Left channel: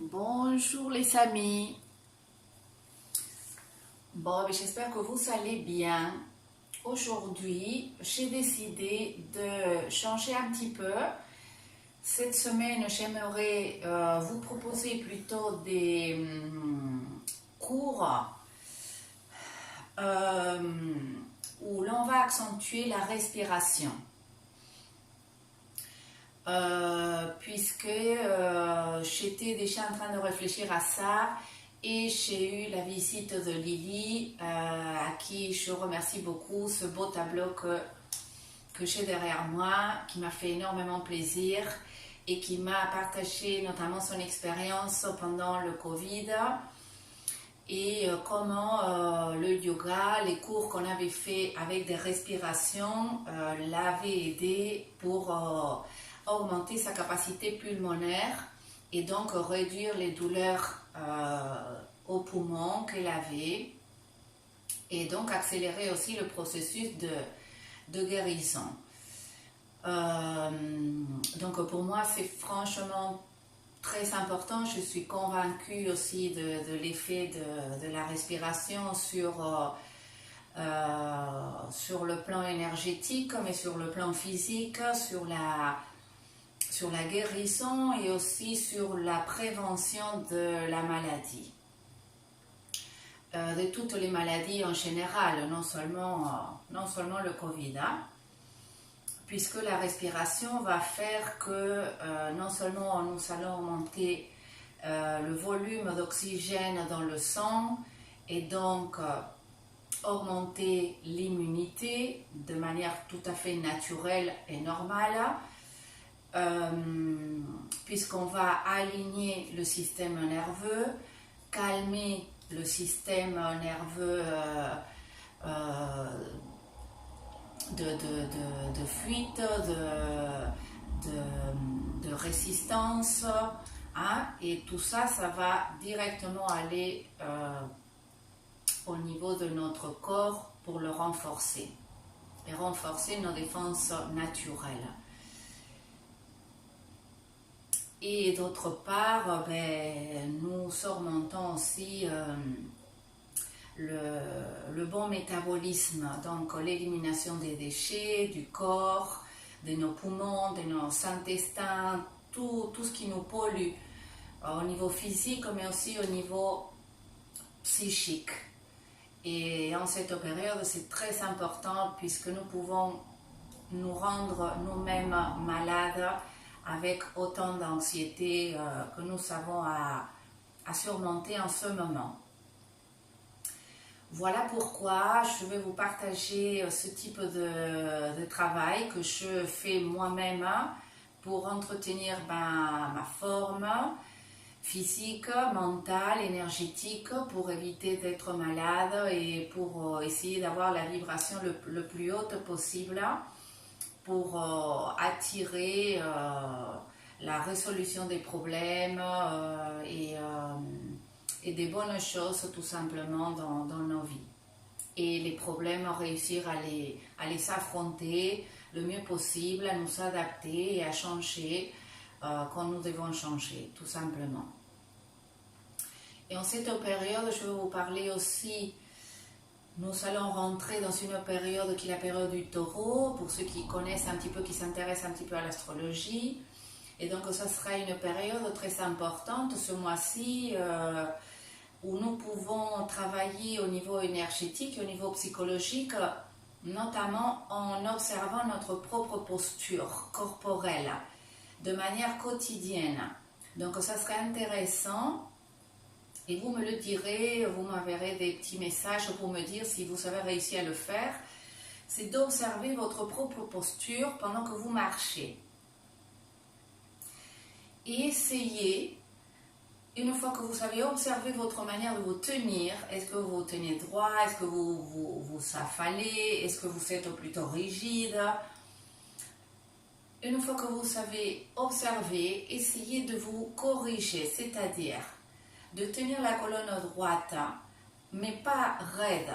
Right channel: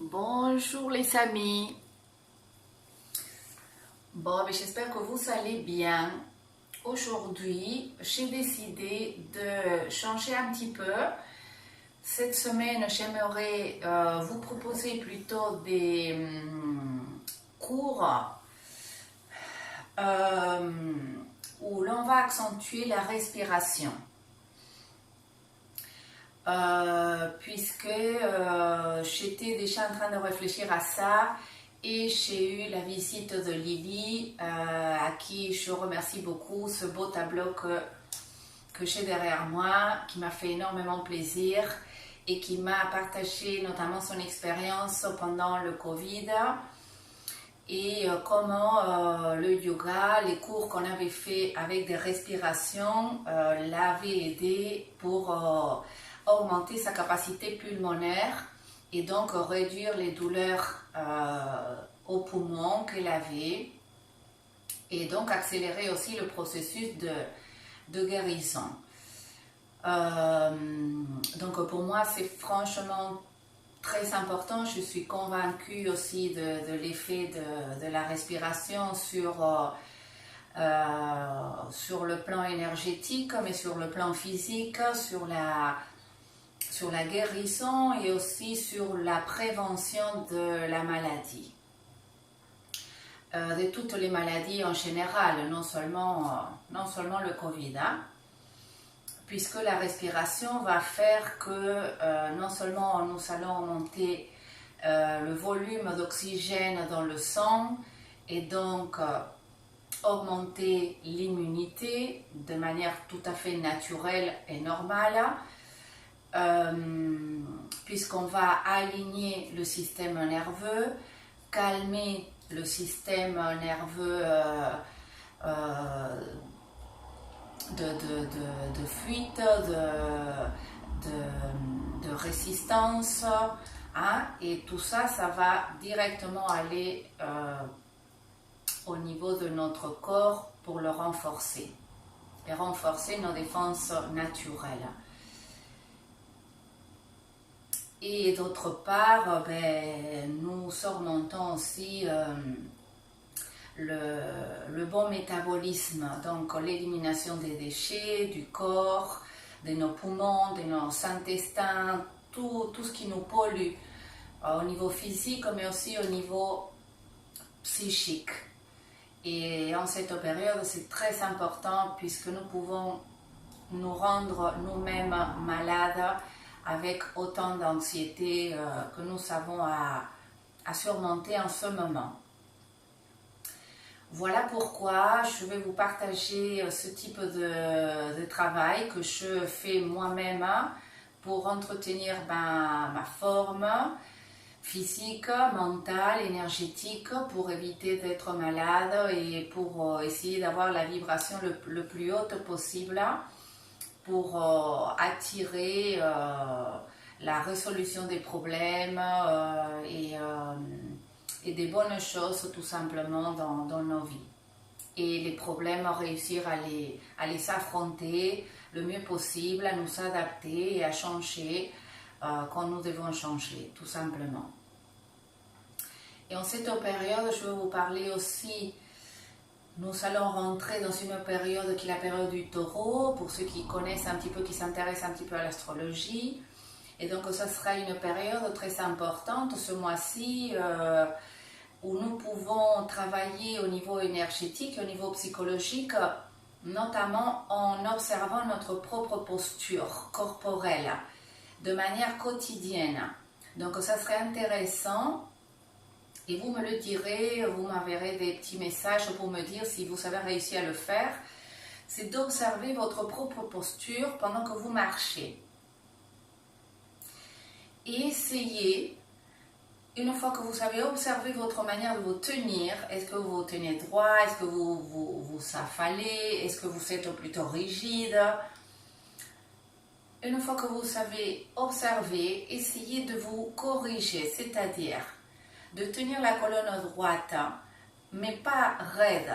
Bonjour les amis. J'espère que vous allez bien. Aujourd'hui, j'ai décidé de changer un petit peu. Cette semaine, j'aimerais vous proposer plutôt des cours où l'on va accentuer la respiration. Puisque j'étais déjà en train de réfléchir à ça et j'ai eu la visite de Lily à qui je remercie beaucoup, ce beau tableau que j'ai derrière moi, qui m'a fait énormément plaisir et qui m'a partagé notamment son expérience pendant le Covid et comment le yoga, les cours qu'on avait fait avec des respirations l'avaient aidé pour augmenter sa capacité pulmonaire et donc réduire les douleurs aux poumons qu'elle avait et donc accélérer aussi le processus de guérison. Donc pour moi c'est franchement très important. Je suis convaincue aussi de l'effet de la respiration sur le plan énergétique mais sur le plan physique, sur la guérison et aussi sur la prévention de la maladie. De toutes les maladies en général, non seulement le Covid, puisque la respiration va faire que non seulement nous allons augmenter le volume d'oxygène dans le sang et donc augmenter l'immunité de manière tout à fait naturelle et normale, puisqu'on va aligner le système nerveux, calmer le système nerveux de fuite, de résistance, et tout ça, ça va directement aller au niveau de notre corps pour le renforcer et renforcer nos défenses naturelles. Et d'autre part, nous surmontons aussi le bon métabolisme, donc l'élimination des déchets du corps, de nos poumons, de nos intestins, tout ce qui nous pollue au niveau physique mais aussi au niveau psychique. Et en cette période, c'est très important puisque nous pouvons nous rendre nous-mêmes malades avec autant d'anxiété que nous avons à surmonter en ce moment. Voilà pourquoi je vais vous partager ce type de travail que je fais moi-même pour entretenir ma forme physique, mentale, énergétique, pour éviter d'être malade et pour essayer d'avoir la vibration le plus haute possible, pour attirer la résolution des problèmes et des bonnes choses tout simplement dans nos vies. Et les problèmes, réussir à les affronter le mieux possible, à nous adapter et à changer quand nous devons changer, tout simplement. Et en cette période, je vais vous parler aussi. Nous allons rentrer dans une période qui est la période du taureau, pour ceux qui connaissent un petit peu, qui s'intéressent un petit peu à l'astrologie. Et donc, ça sera une période très importante ce mois-ci où nous pouvons travailler au niveau énergétique et au niveau psychologique, notamment en observant notre propre posture corporelle de manière quotidienne. Donc, ça serait intéressant. Et vous me le direz, vous m'enverrez des petits messages pour me dire si vous avez réussi à le faire. C'est d'observer votre propre posture pendant que vous marchez. Et essayez, une fois que vous avez observé votre manière de vous tenir, est-ce que vous vous tenez droit, est-ce que vous affalez, est-ce que vous êtes plutôt rigide? Une fois que vous avez observé, essayez de vous corriger, c'est-à-dire de tenir la colonne droite, mais pas raide,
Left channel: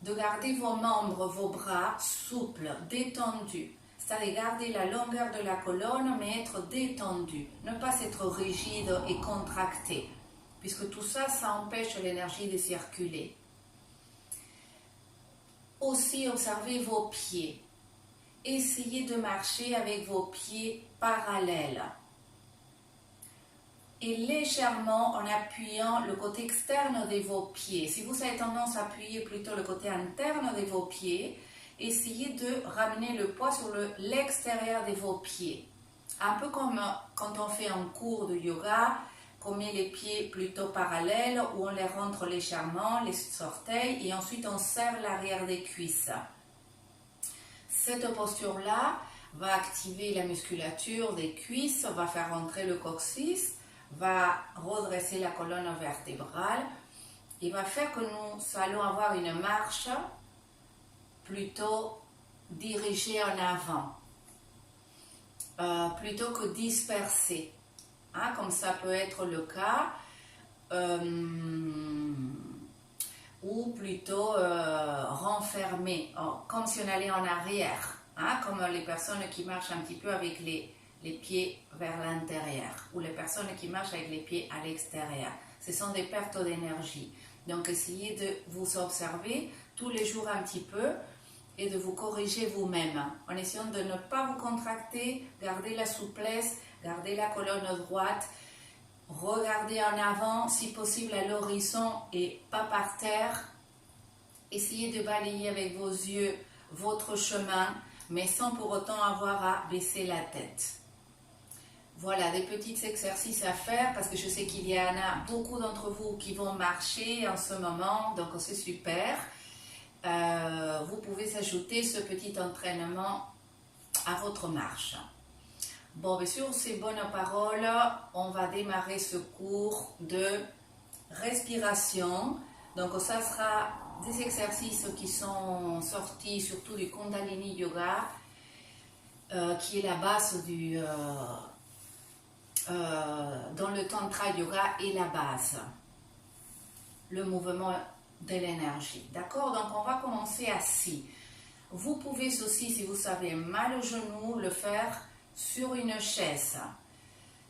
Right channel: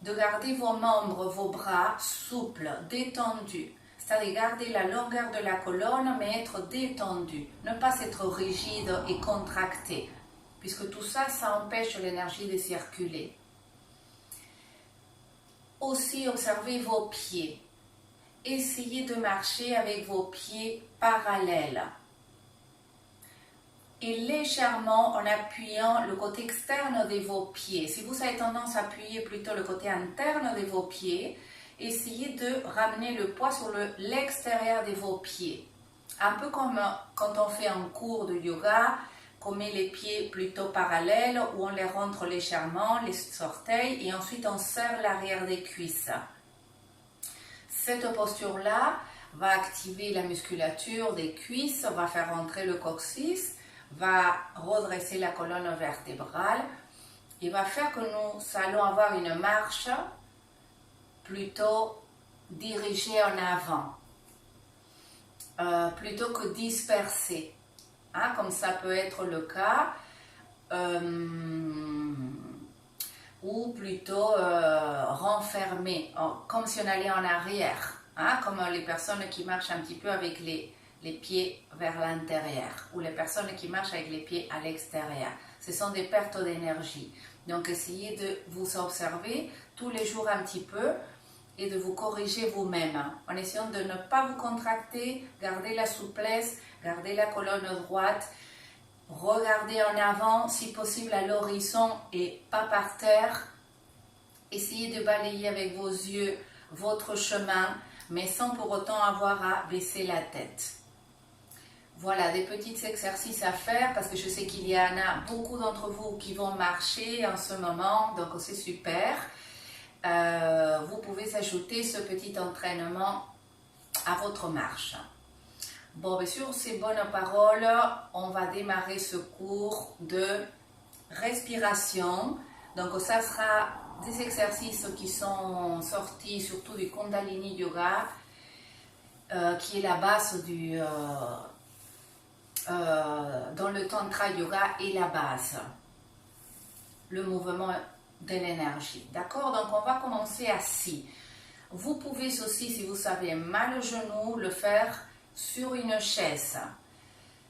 de garder vos membres, vos bras souples, détendus, c'est-à-dire garder la longueur de la colonne mais être détendu, ne pas être rigide et contracté, puisque tout ça, ça empêche l'énergie de circuler. Aussi, observez vos pieds. Essayez de marcher avec vos pieds parallèles. Et légèrement en appuyant le côté externe de vos pieds. Si vous avez tendance à appuyer plutôt le côté interne de vos pieds, essayez de ramener le poids sur l'extérieur de vos pieds. Un peu comme quand on fait un cours de yoga, qu'on met les pieds plutôt parallèles, où on les rentre légèrement, les orteils, et ensuite on serre l'arrière des cuisses. Cette posture-là va activer la musculature des cuisses, va faire rentrer le coccyx, va redresser la colonne vertébrale et va faire que nous allons avoir une marche plutôt dirigée en avant, plutôt que dispersée, hein, comme ça peut être le cas, ou plutôt renfermée, comme si on allait en arrière, hein, comme les personnes qui marchent un petit peu avec les pieds vers l'intérieur, ou les personnes qui marchent avec les pieds à l'extérieur. Ce sont des pertes d'énergie. Donc essayez de vous observer tous les jours un petit peu et de vous corriger vous-même, en essayant de ne pas vous contracter, garder la souplesse, garder la colonne droite, regardez en avant, si possible à l'horizon et pas par terre. Essayez de balayer avec vos yeux votre chemin, mais sans pour autant avoir à baisser la tête. Voilà, des petits exercices à faire parce que je sais qu'il y en a beaucoup d'entre vous qui vont marcher en ce moment, donc c'est super. Vous pouvez ajouter ce petit entraînement à votre marche. Bon, bien sûr, ces bonnes paroles, on va démarrer ce cours de respiration. Donc, ça sera des exercices qui sont sortis surtout du Kundalini Yoga, qui est la base du... dans le Tantra Yoga est la base, le mouvement de l'énergie. D'accord? Donc, on va commencer assis. Vous pouvez aussi, si vous avez mal au genou, le faire sur une chaise.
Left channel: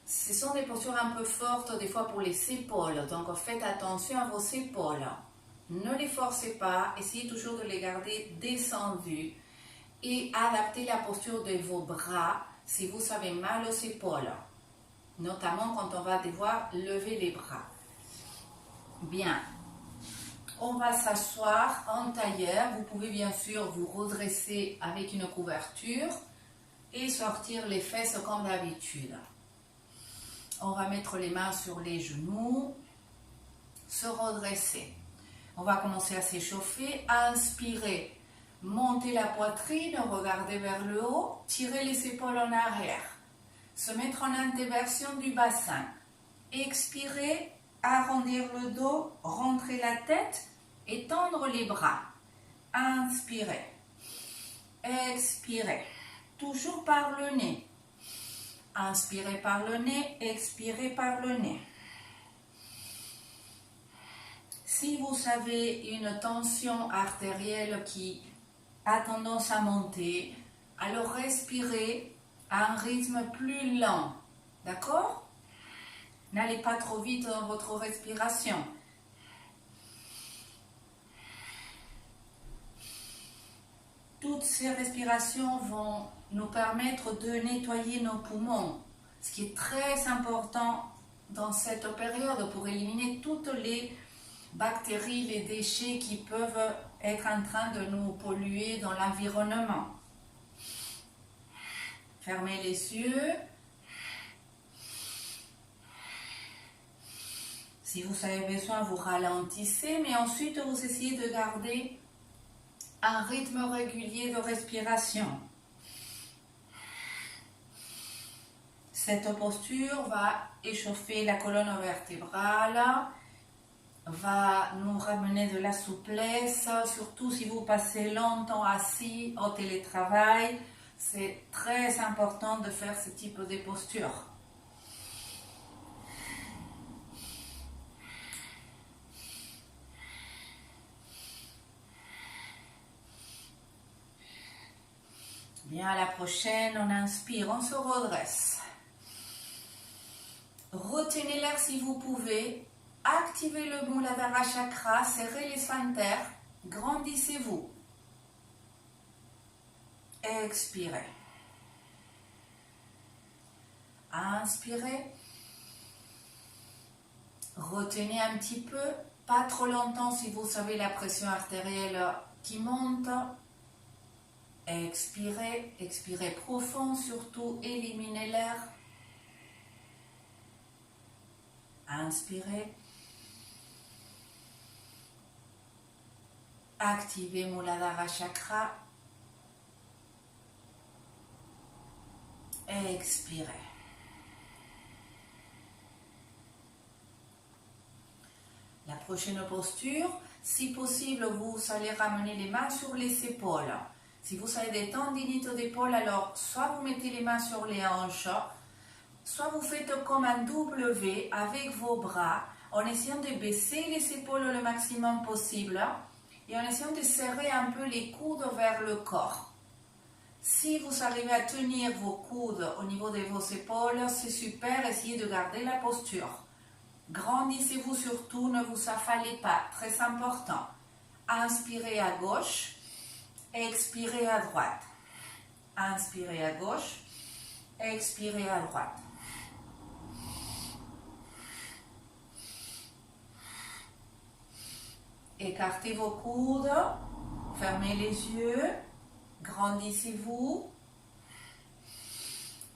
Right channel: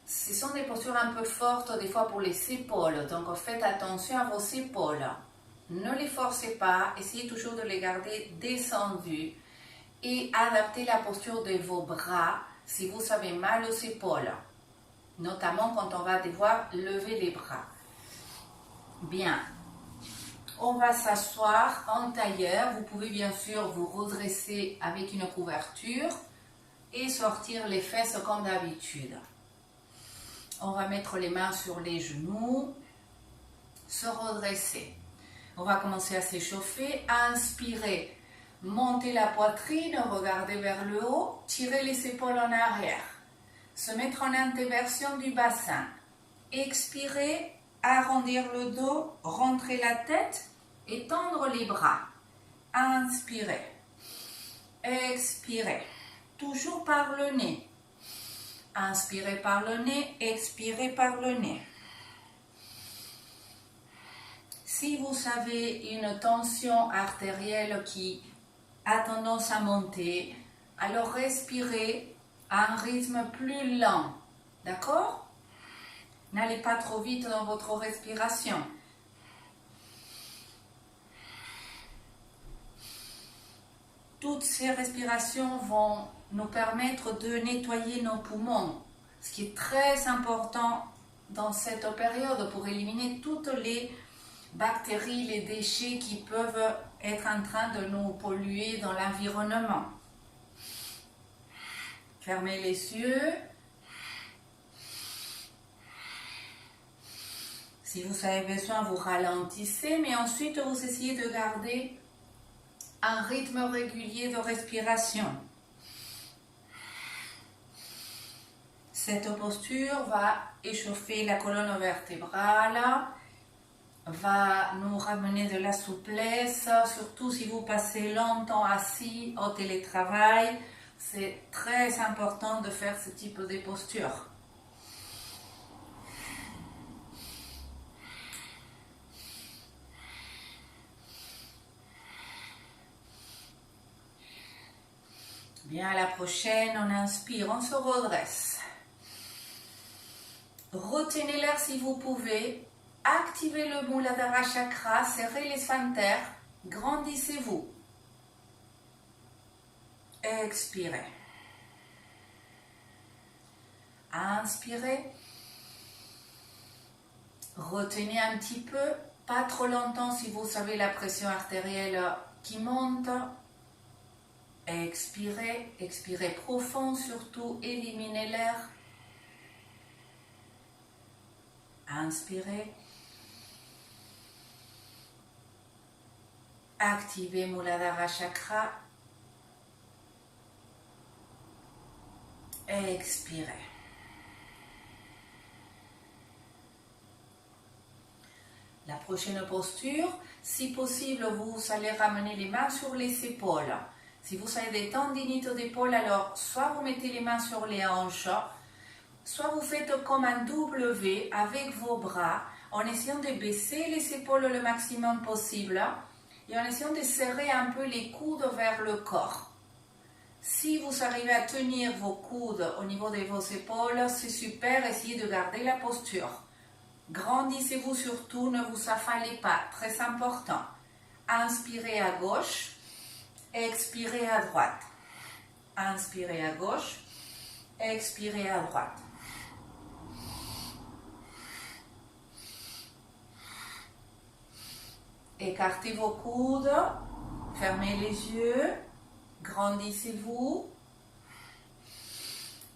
Ce sont des postures un peu fortes des fois pour les épaules, donc faites attention à vos épaules. Ne les forcez pas, essayez toujours de les garder descendues et adaptez la posture de vos bras si vous avez mal aux épaules, notamment quand on va devoir lever les bras. Bien, on va s'asseoir en tailleur. Vous pouvez bien sûr vous redresser avec une couverture et sortir les fesses comme d'habitude. On va mettre les mains sur les genoux, se redresser. On va commencer à s'échauffer, inspirer, monter la poitrine, regarder vers le haut, tirer les épaules en arrière, se mettre en inversion du bassin, expirer, arrondir le dos, rentrer la tête et tendre les bras. Inspirez, expirez. Toujours par le nez. Inspirez par le nez, expirez par le nez. Si vous avez une tension artérielle qui a tendance à monter, alors respirez à un rythme plus lent. D'accord? N'allez pas trop vite dans votre respiration. Toutes ces respirations vont nous permettre de nettoyer nos poumons, ce qui est très important dans cette période pour éliminer toutes les bactéries, les déchets qui peuvent être en train de nous polluer dans l'environnement. Fermez les yeux. Si vous avez besoin, vous ralentissez, mais ensuite vous essayez de garder un rythme régulier de respiration. Cette posture va échauffer la colonne vertébrale, va nous ramener de la souplesse, surtout si vous passez longtemps assis au télétravail. C'est très important de faire ce type de posture. Bien, à la prochaine, on inspire, on se redresse. Retenez l'air si vous pouvez. Activez le Muladhara Chakra, serrez les sphincters, grandissez-vous. Expirez. Inspirez. Retenez un petit peu, pas trop longtemps si vous savez la pression artérielle qui monte. Expirez, expirez profond, surtout éliminez l'air. Inspirez. Activez Muladhara Chakra. Expirez. La prochaine posture, si possible, vous allez ramener les mains sur les épaules. Si vous avez des tendinites d'épaule, alors soit vous mettez les mains sur les hanches, soit vous faites comme un W avec vos bras, en essayant de baisser les épaules le maximum possible et en essayant de serrer un peu les coudes vers le corps. Si vous arrivez à tenir vos coudes au niveau de vos épaules, c'est super, essayez de garder la posture. Grandissez-vous surtout, ne vous affalez pas, très important. Inspirez à gauche, expirez à droite. Inspirez à gauche, expirez à droite. Écartez vos coudes, fermez les yeux, grandissez-vous.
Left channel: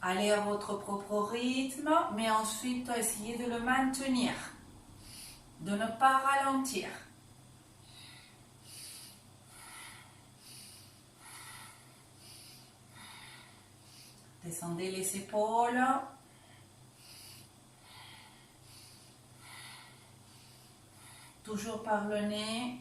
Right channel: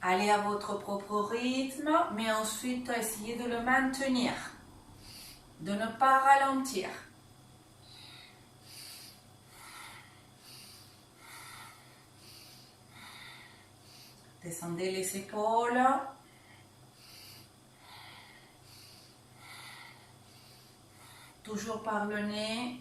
Allez à votre propre rythme, mais ensuite essayez de le maintenir, de ne pas ralentir. Descendez les épaules. Toujours par le nez.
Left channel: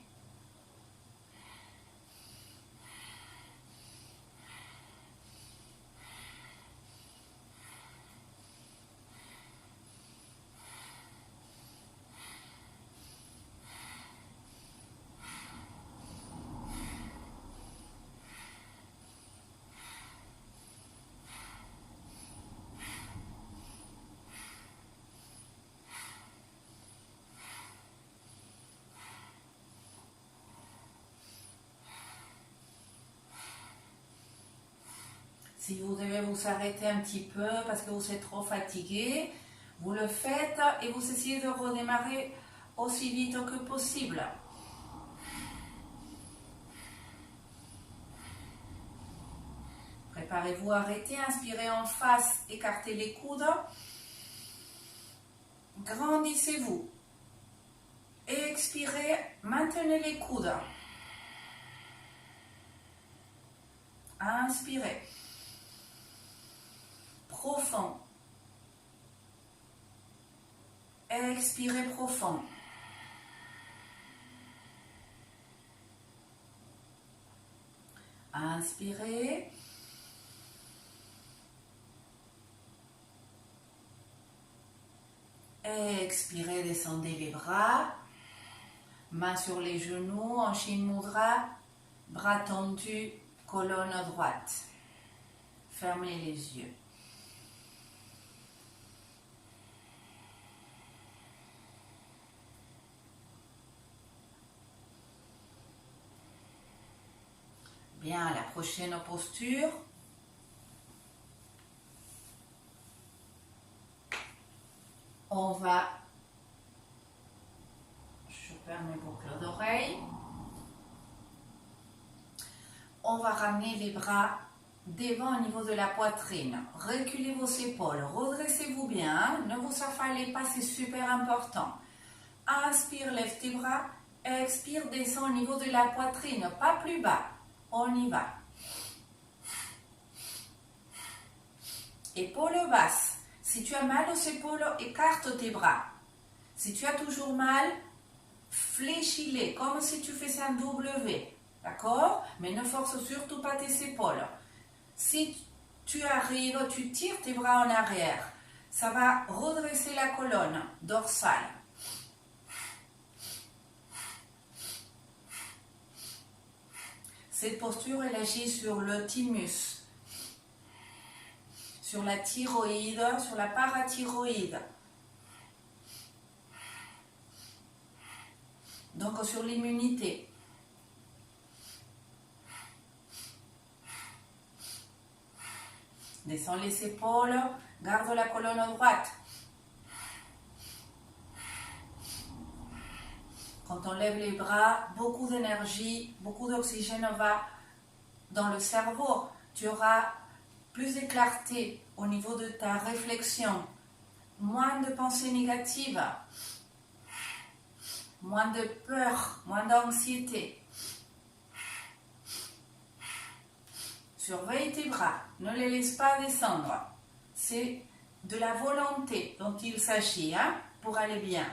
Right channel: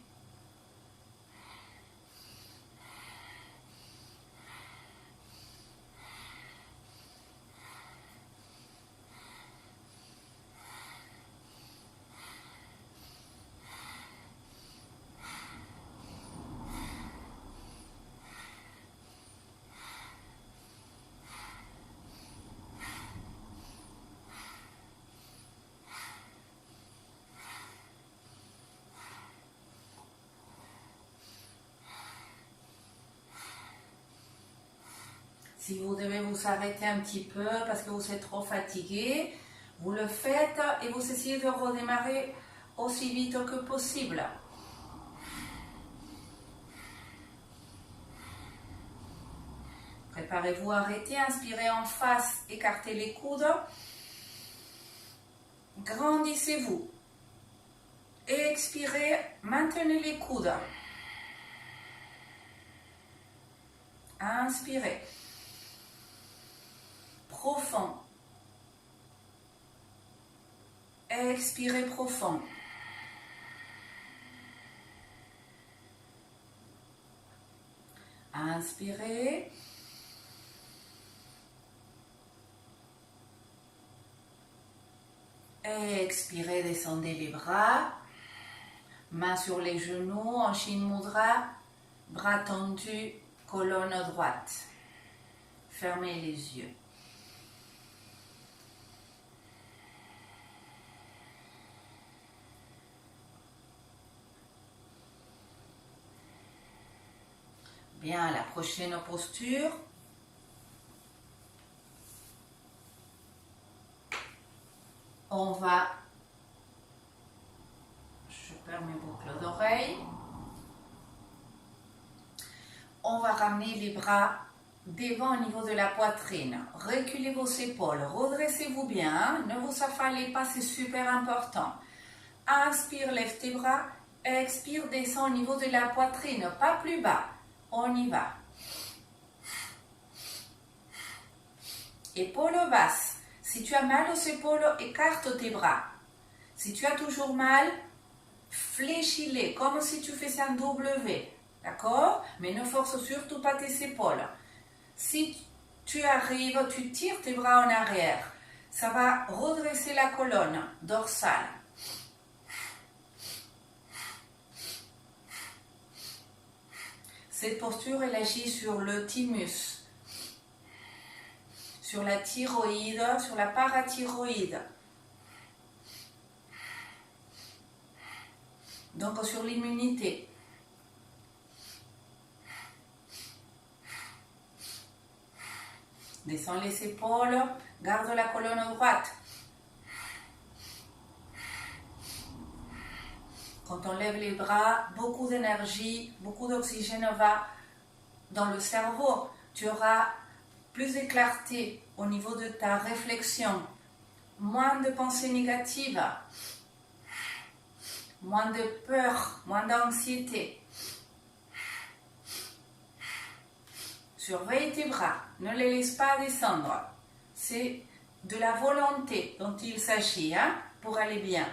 Si vous devez vous arrêter un petit peu parce que vous êtes trop fatigué, vous le faites et vous essayez de redémarrer aussi vite que possible. Préparez-vous à arrêter, inspirez en face, écartez les coudes. Grandissez-vous. Expirez, maintenez les coudes. Inspirez. Profond. Expirez profond. Inspirez. Expirez, descendez les bras. Mains sur les genoux, en Shin Mudra. Bras tendus, colonne droite. Fermez les yeux. Bien, la prochaine posture. On va, je perds mes boucles d'oreilles. On va ramener les bras devant au niveau de la poitrine. Reculez vos épaules, redressez-vous bien, ne vous affalez pas, c'est super important. Inspire, lève tes bras, expire, descend au niveau de la poitrine, pas plus bas. On y va. Épaules basses. Si tu as mal aux épaules, écarte tes bras. Si tu as toujours mal, fléchis-les comme si tu faisais un W. D'accord? Mais ne force surtout pas tes épaules. Si tu arrives, tu tires tes bras en arrière. Ça va redresser la colonne dorsale. Cette posture, elle agit sur le thymus. sur la thyroïde, sur la parathyroïde. Donc sur l'immunité. Descends les épaules, garde la colonne droite. Quand on lève les bras, beaucoup d'énergie, beaucoup d'oxygène va dans le cerveau. Tu auras plus de clarté au niveau de ta réflexion, moins de pensées négatives, moins de peur, moins d'anxiété. Surveille tes bras, ne les laisse pas descendre. C'est de la volonté dont il s'agit pour aller bien.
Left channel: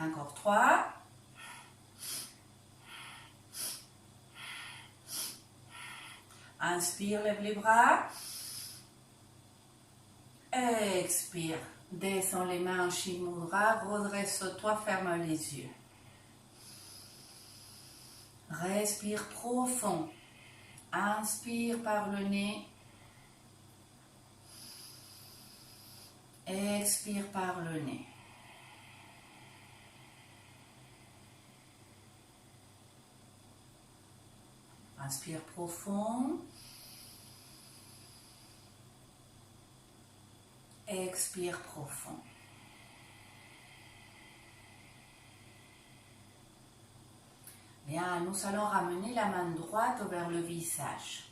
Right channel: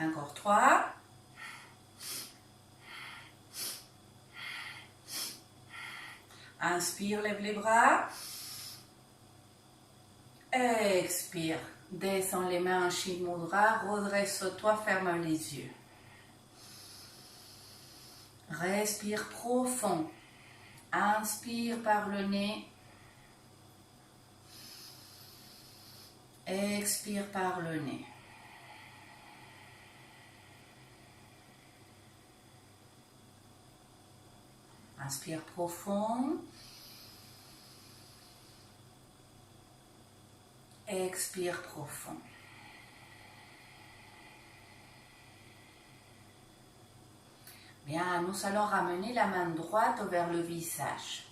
Encore 3. Inspire, lève les bras. Expire. Descends les mains en Shiv Mudra. Redresse-toi, ferme les yeux. Respire profond. Inspire par le nez. Expire par le nez. Inspire profond. Expire profond. Bien, nous allons ramener la main droite vers le visage.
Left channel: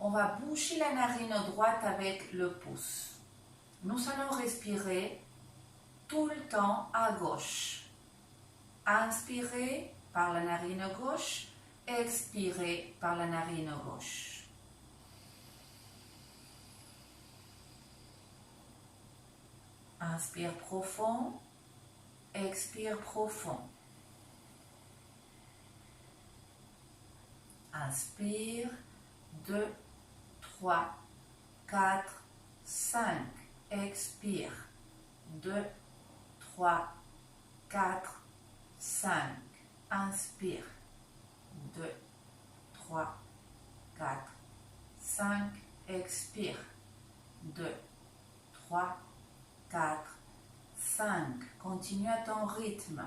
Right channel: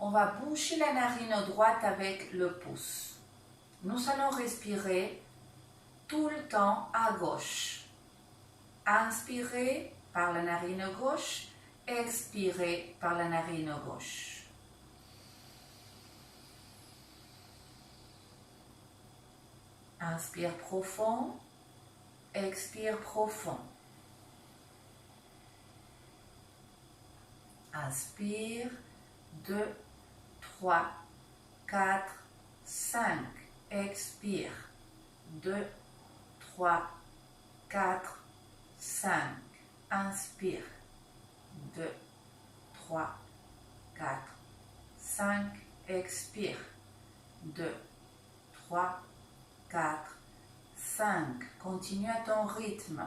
On va boucher la narine droite avec le pouce. Nous allons respirer tout le temps à gauche. Inspirez par la narine gauche. Expirez par la narine gauche. Inspire profond, expire profond. Inspire, 2, 3, 4, 5. Expire, 2, 3, 4, 5. Inspire. 2, 3, 4, 5, expire. 2, 3, 4, 5. Continue à ton rythme.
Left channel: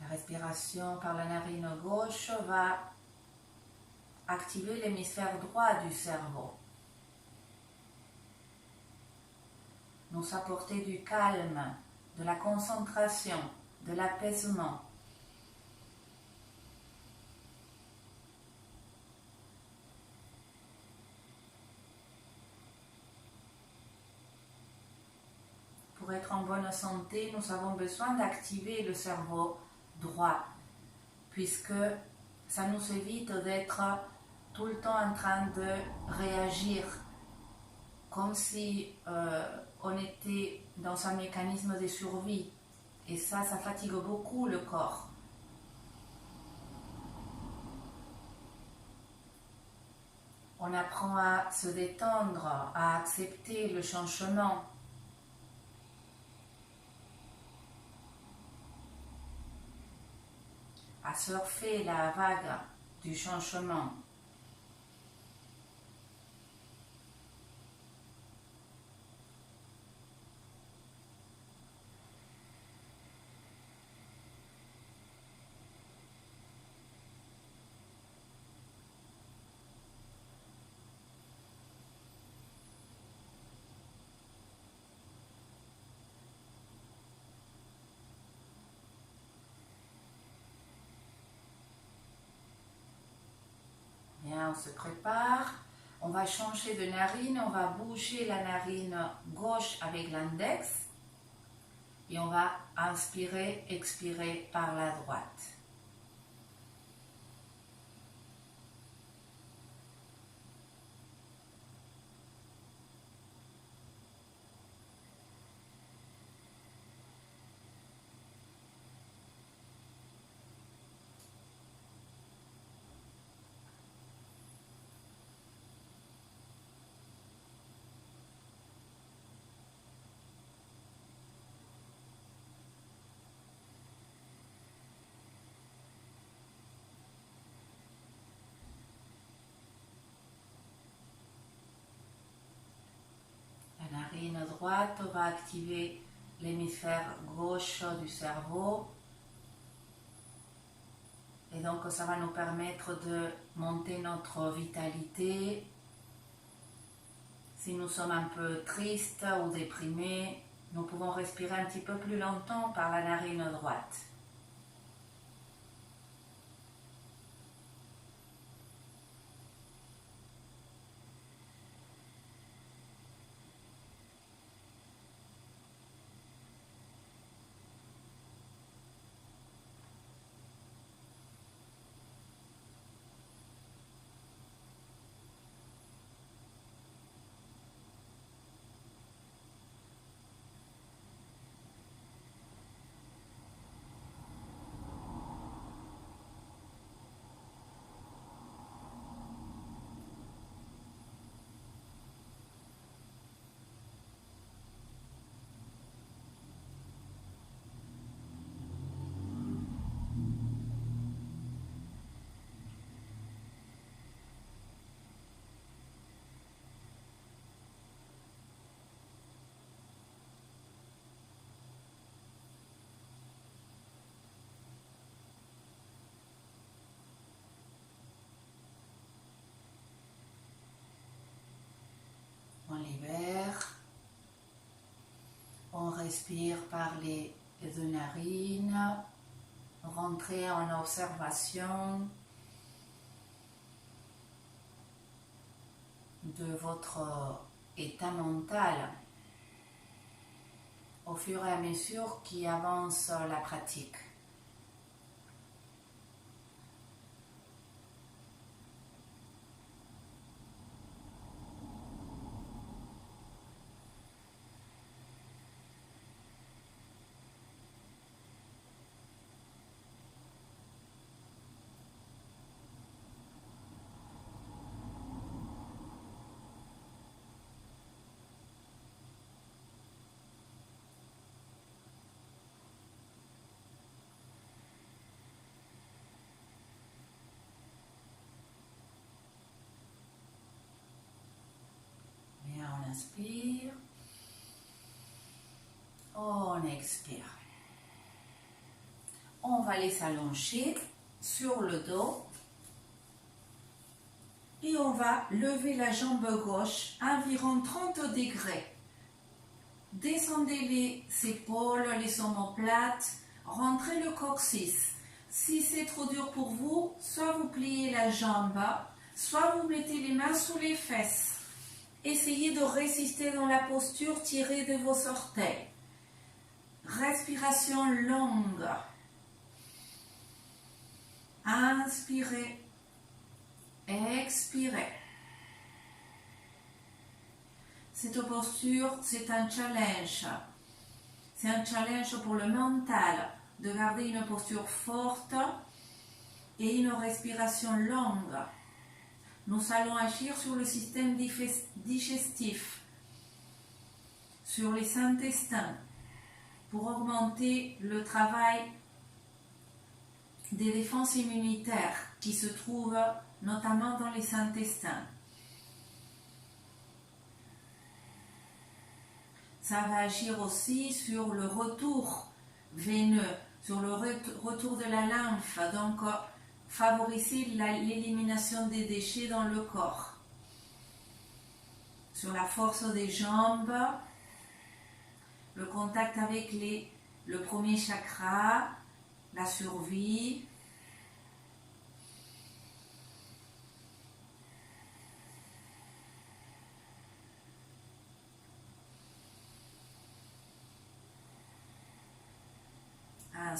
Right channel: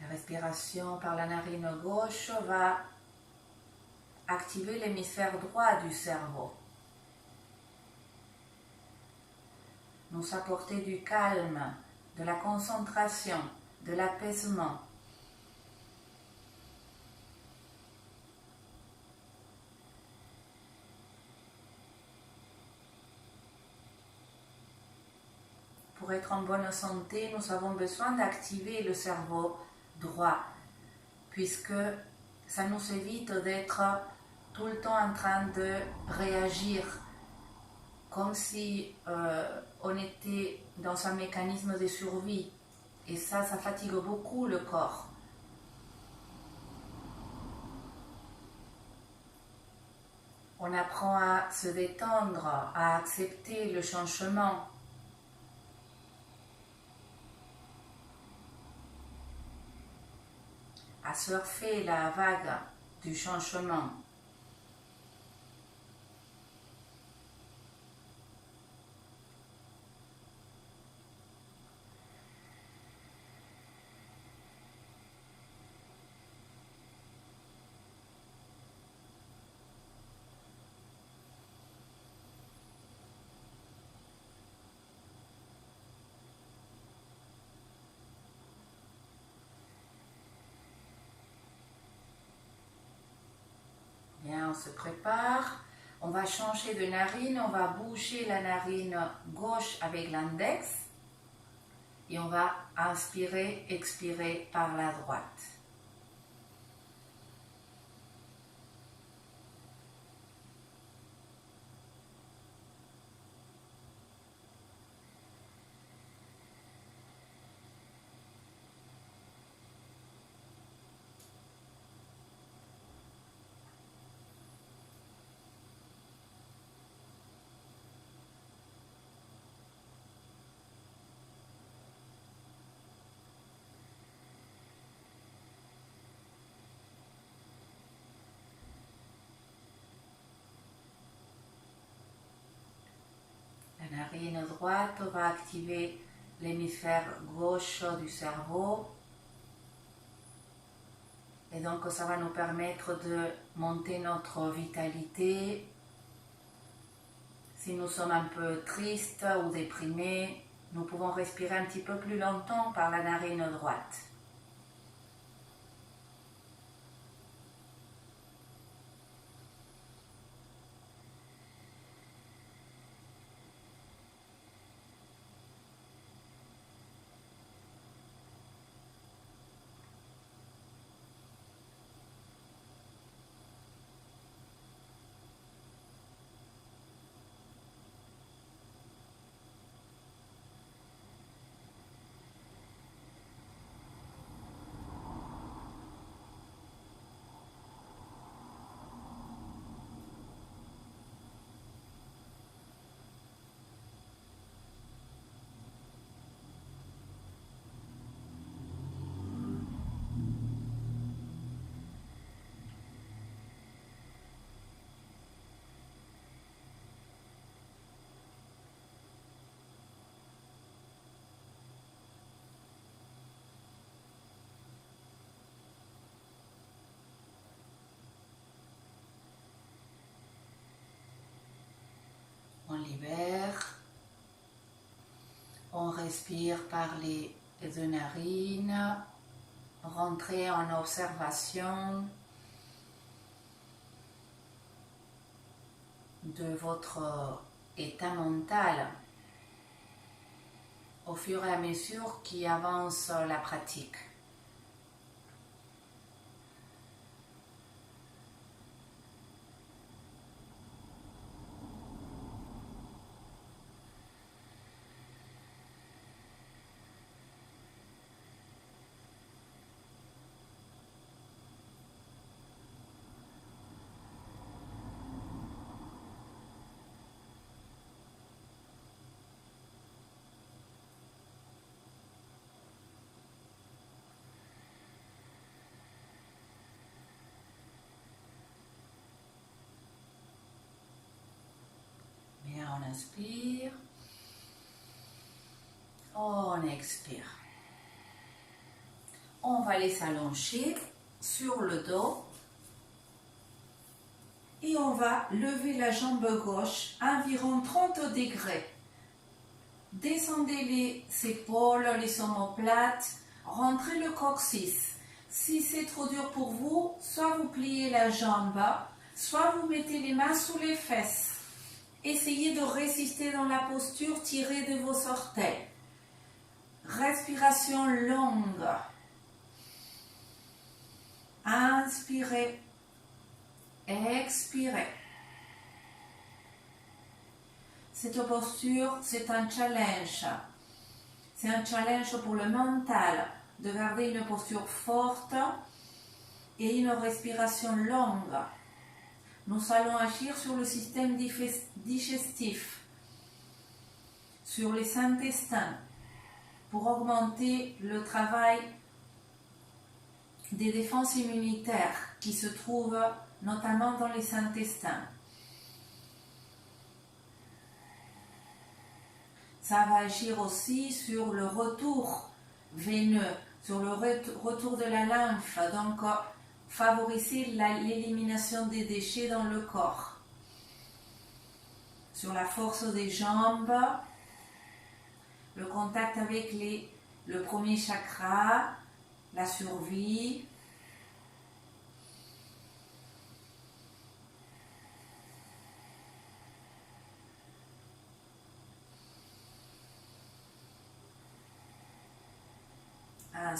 La respiration par la narine gauche va activer l'hémisphère droit du cerveau. Nous apporter du calme, de la concentration, de l'apaisement. Pour être en bonne santé, nous avons besoin d'activer le cerveau droit, puisque ça nous évite d'être tout le temps en train de réagir comme si on était dans un mécanisme de survie. Et ça fatigue beaucoup le corps. On apprend à se détendre, à accepter le changement. À surfer la vague du changement. Bien, on se prépare. On va changer de narine. On va bouger la narine gauche avec l'index. Et on va inspirer, expirer par la droite. La narine droite va activer l'hémisphère gauche du cerveau. Et donc ça va nous permettre de monter notre vitalité. Si nous sommes un peu tristes ou déprimés, nous pouvons respirer un petit peu plus longtemps par la narine droite. On libère, on respire par les deux narines, rentrez en observation de votre état mental au fur et à mesure qu'avance la pratique. On inspire, on expire. On va les s'allonger sur le dos et on va lever la jambe gauche à environ 30 degrés. Descendez les épaules, les omoplates, rentrez le coccyx. Si c'est trop dur pour vous, soit vous pliez la jambe, soit vous mettez les mains sous les fesses. Essayez de résister dans la posture, tirez de vos orteils. Respiration longue. Inspirez, expirez. Cette posture, c'est un challenge. C'est un challenge pour le mental de garder une posture forte et une respiration longue. Nous allons agir sur le système digestif, sur les intestins, pour augmenter le travail des défenses immunitaires qui se trouvent notamment dans les intestins. Ça va agir aussi sur le retour veineux, sur le retour de la lymphe, donc favoriser l'élimination des déchets dans le corps. Sur la force des jambes, le contact avec le premier chakra, la survie.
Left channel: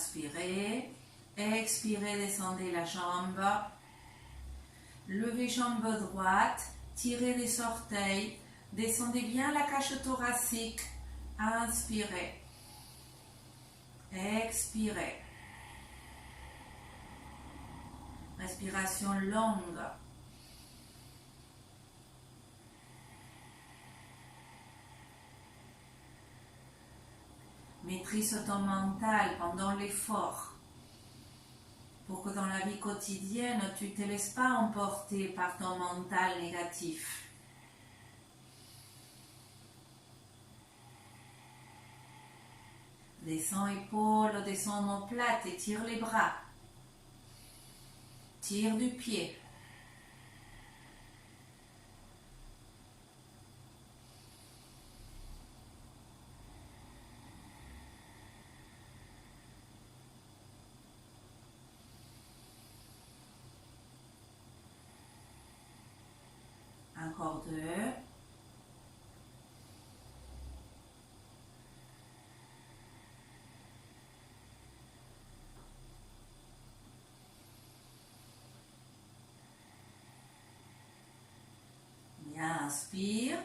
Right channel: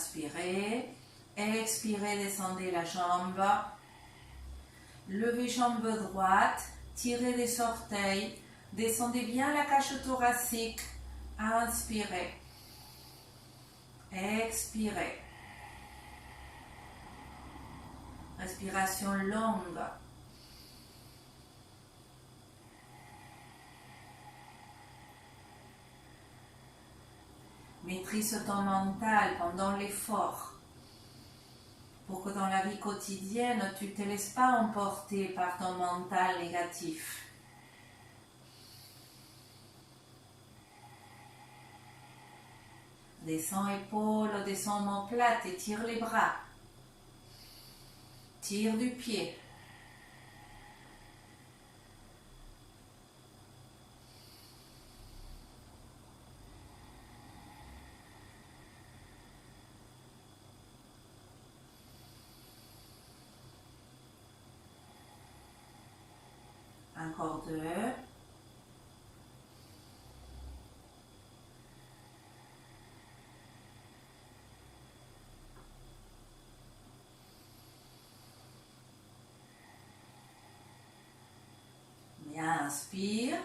inspirez. Expirez, descendez la jambe. Levez jambe droite. Tirez les orteils. Descendez bien la cage thoracique. Inspirez. Expirez. Respiration longue. Maîtrise ton mental pendant l'effort pour que dans la vie quotidienne, tu ne te laisses pas emporter par ton mental négatif. Descends épaules, descends omoplate et tire les bras. Tire du pied. Encore 2. Bien, inspire.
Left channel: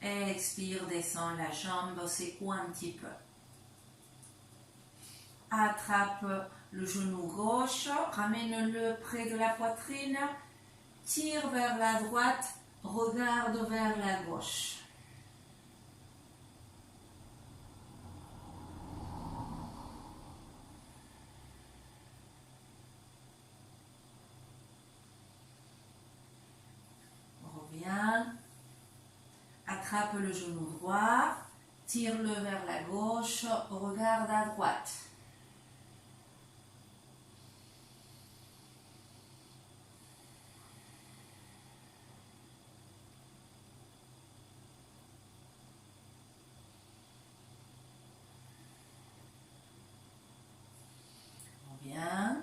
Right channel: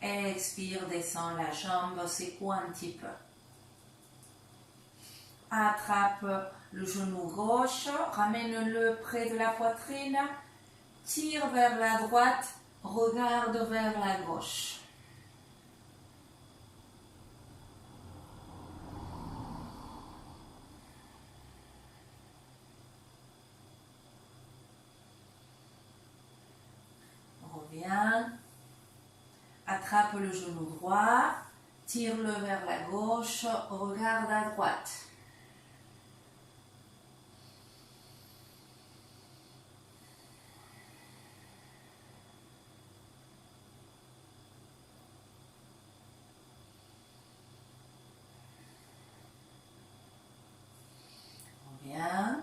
Expire, descends la jambe, secoue un petit peu. Attrape le genou gauche, ramène-le près de la poitrine. Tire vers la droite, regarde vers la gauche. Reviens. Attrape le genou droit, tire-le vers la gauche, regarde à droite. Reviens.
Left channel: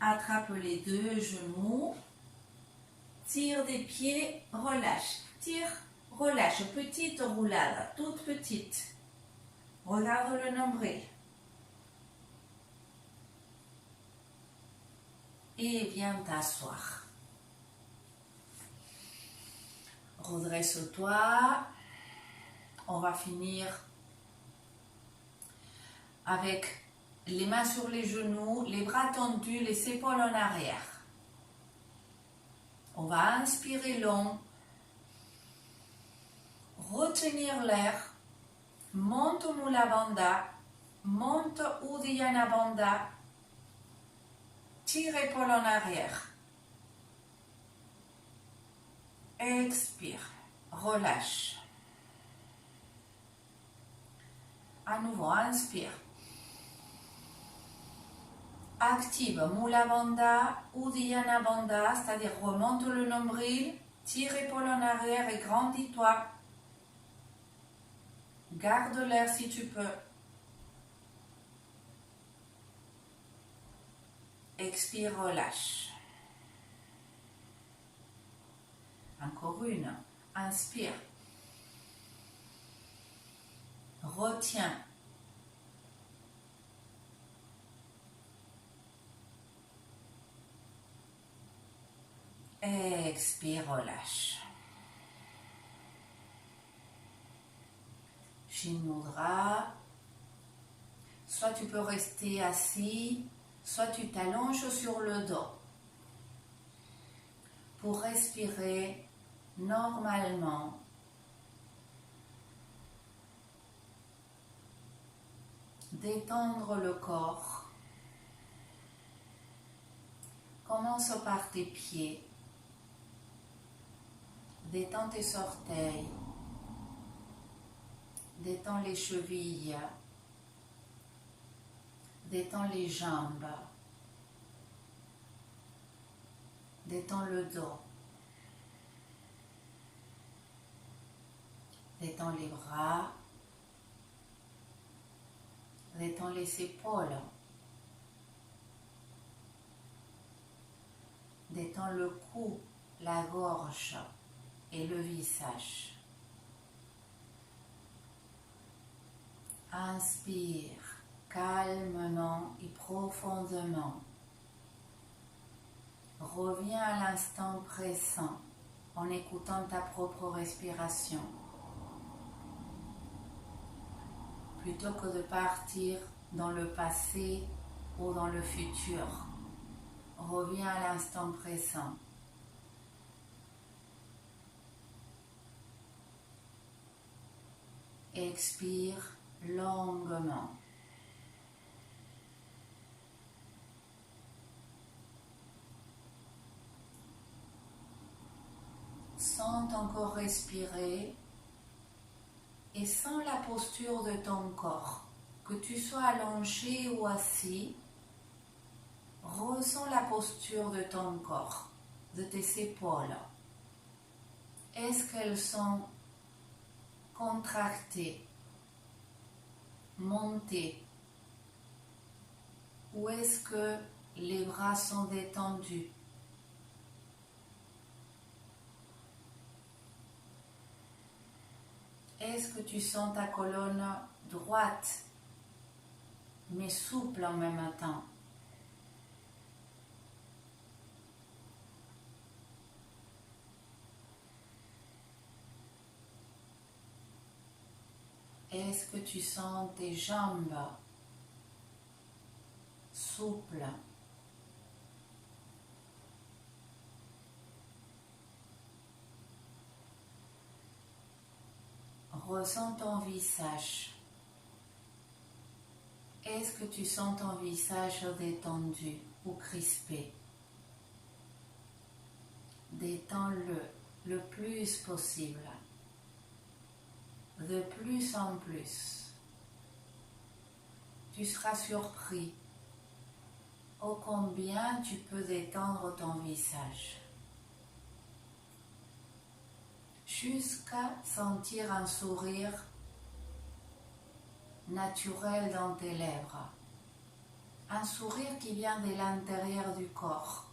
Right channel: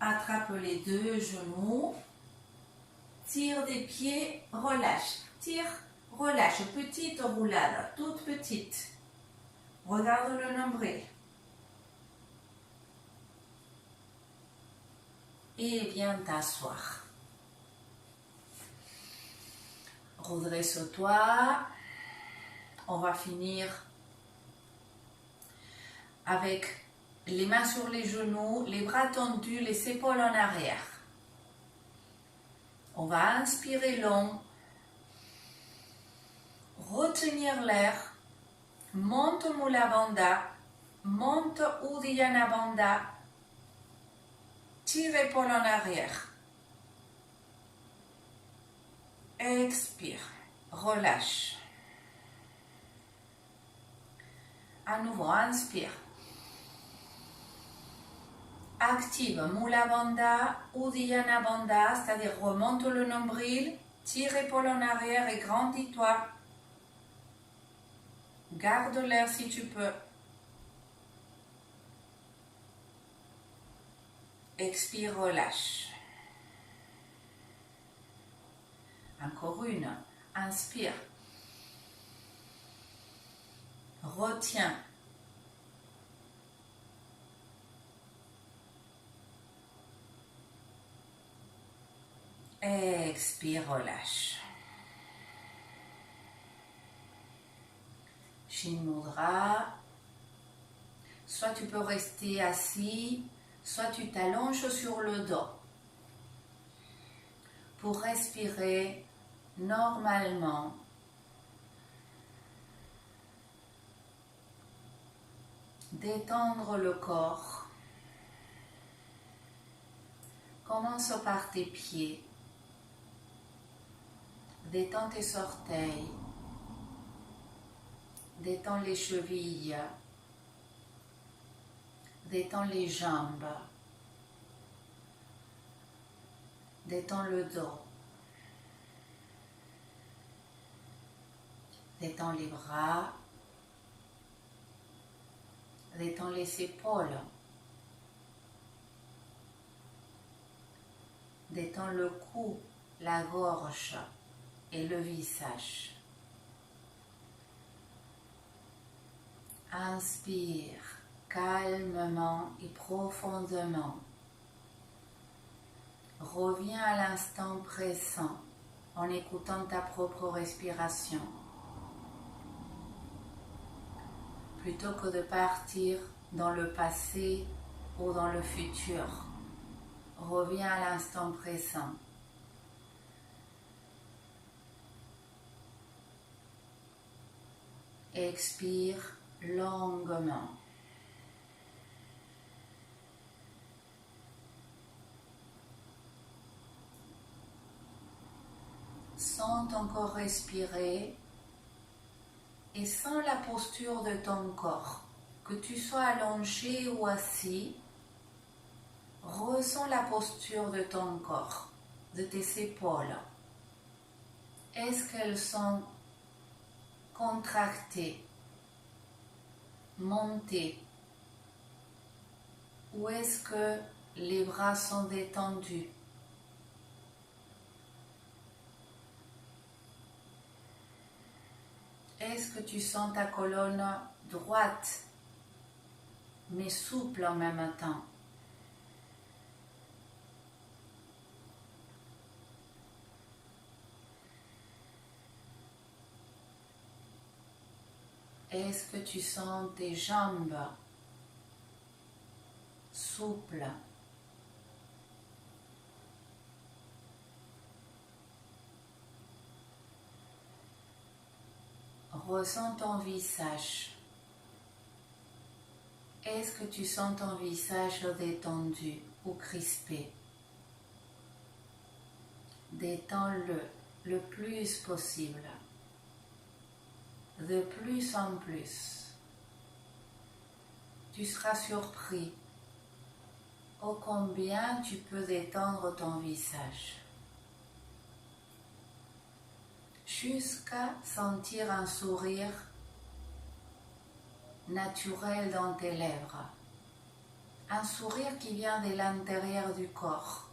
Attrape les deux genoux. Tire des pieds, relâche. Tire, relâche. Petite roulade, toute petite. Regarde le nombril. Et viens t'asseoir. Redresse-toi. On va finir avec les mains sur les genoux, les bras tendus, les épaules en arrière. On va inspirer long, retenir l'air, monte Mula Bandha, monte Uddiyana Bandha, tire épaule en arrière. Expire, relâche. À nouveau, inspire. Active Mula Bandha, Uddiyana Bandha, c'est-à-dire remonte le nombril, tire épaule en arrière et grandis-toi. Garde l'air si tu peux. Expire, relâche. Encore une. Inspire. Retiens. Expire, relâche. Shin Mudra. Soit tu peux rester assis, soit tu t'allonges sur le dos pour respirer normalement. Détendre le corps. Commence par tes pieds. Détends tes orteils. Détends les chevilles. Détends les jambes. Détends le dos. Détends les bras. Détends les épaules. Détends le cou, la gorge et le visage. Inspire, calmement et profondément. Reviens à l'instant présent en écoutant ta propre respiration. Plutôt que de partir dans le passé ou dans le futur, reviens à l'instant présent. Expire longuement. Sens ton corps respirer et sens la posture de ton corps. Que tu sois allongé ou assis, ressens la posture de ton corps, de tes épaules. Est-ce qu'elles sont contractées, montées, ou est-ce que les bras sont détendus? Est-ce que tu sens ta colonne droite, mais souple en même temps? Est-ce que tu sens tes jambes souples? Ressens ton visage. Est-ce que tu sens ton visage détendu ou crispé? Détends-le le plus possible, de plus en plus. Tu seras surpris ô combien tu peux détendre ton visage, jusqu'à sentir un sourire naturel dans tes lèvres, un sourire qui vient de l'intérieur du corps.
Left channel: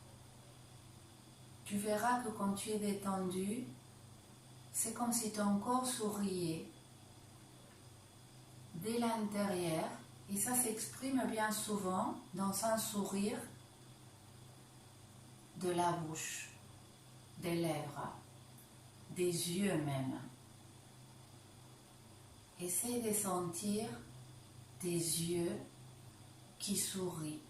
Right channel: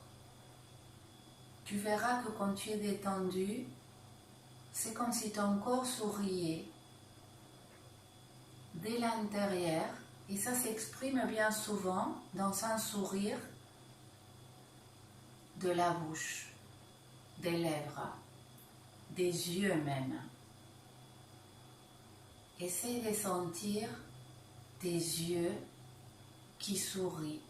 Tu verras que quand tu es détendu, c'est comme si ton corps souriait de l'intérieur, et ça s'exprime bien souvent dans un sourire de la bouche, des lèvres, des yeux même. Essaie de sentir tes yeux qui sourient.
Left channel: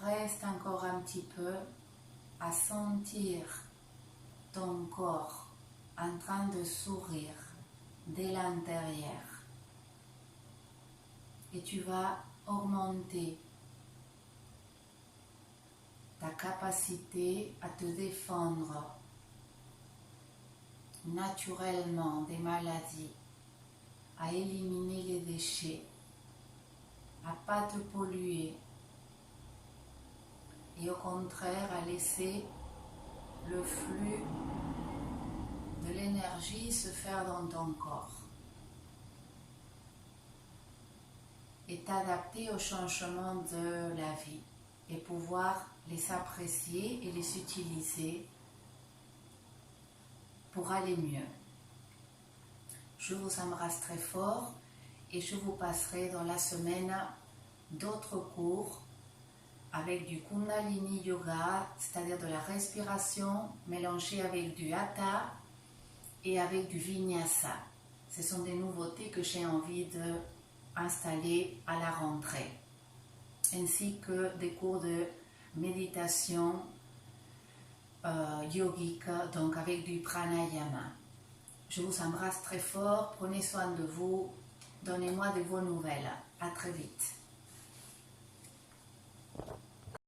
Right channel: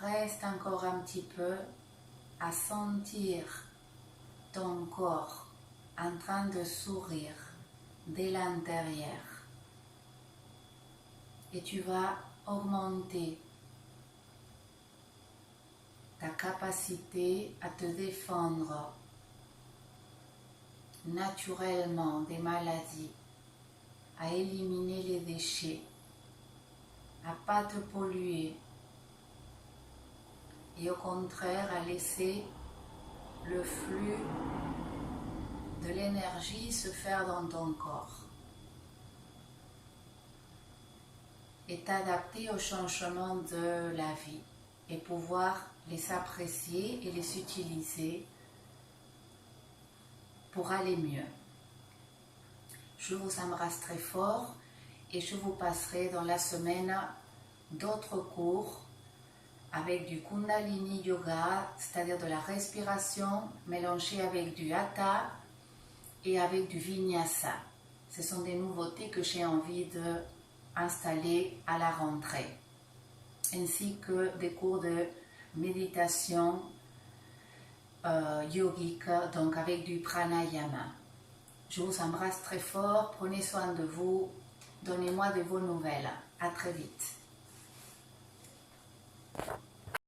Reste encore un petit peu à sentir ton corps en train de sourire de l'intérieur. Et tu vas augmenter ta capacité à te défendre naturellement des maladies, à éliminer les déchets, à ne pas te polluer, et au contraire à laisser le flux de l'énergie se faire dans ton corps et t'adapter aux changements de la vie et pouvoir les apprécier et les utiliser pour aller mieux. Je vous embrasse très fort et je vous passerai dans la semaine d'autres cours avec du Kundalini Yoga, c'est-à-dire de la respiration mélangée avec du Hatha et avec du Vinyasa. Ce sont des nouveautés que j'ai envie d'installer à la rentrée, ainsi que des cours de méditation yogique, donc avec du pranayama. Je vous embrasse très fort, prenez soin de vous, donnez-moi de vos nouvelles. À très vite.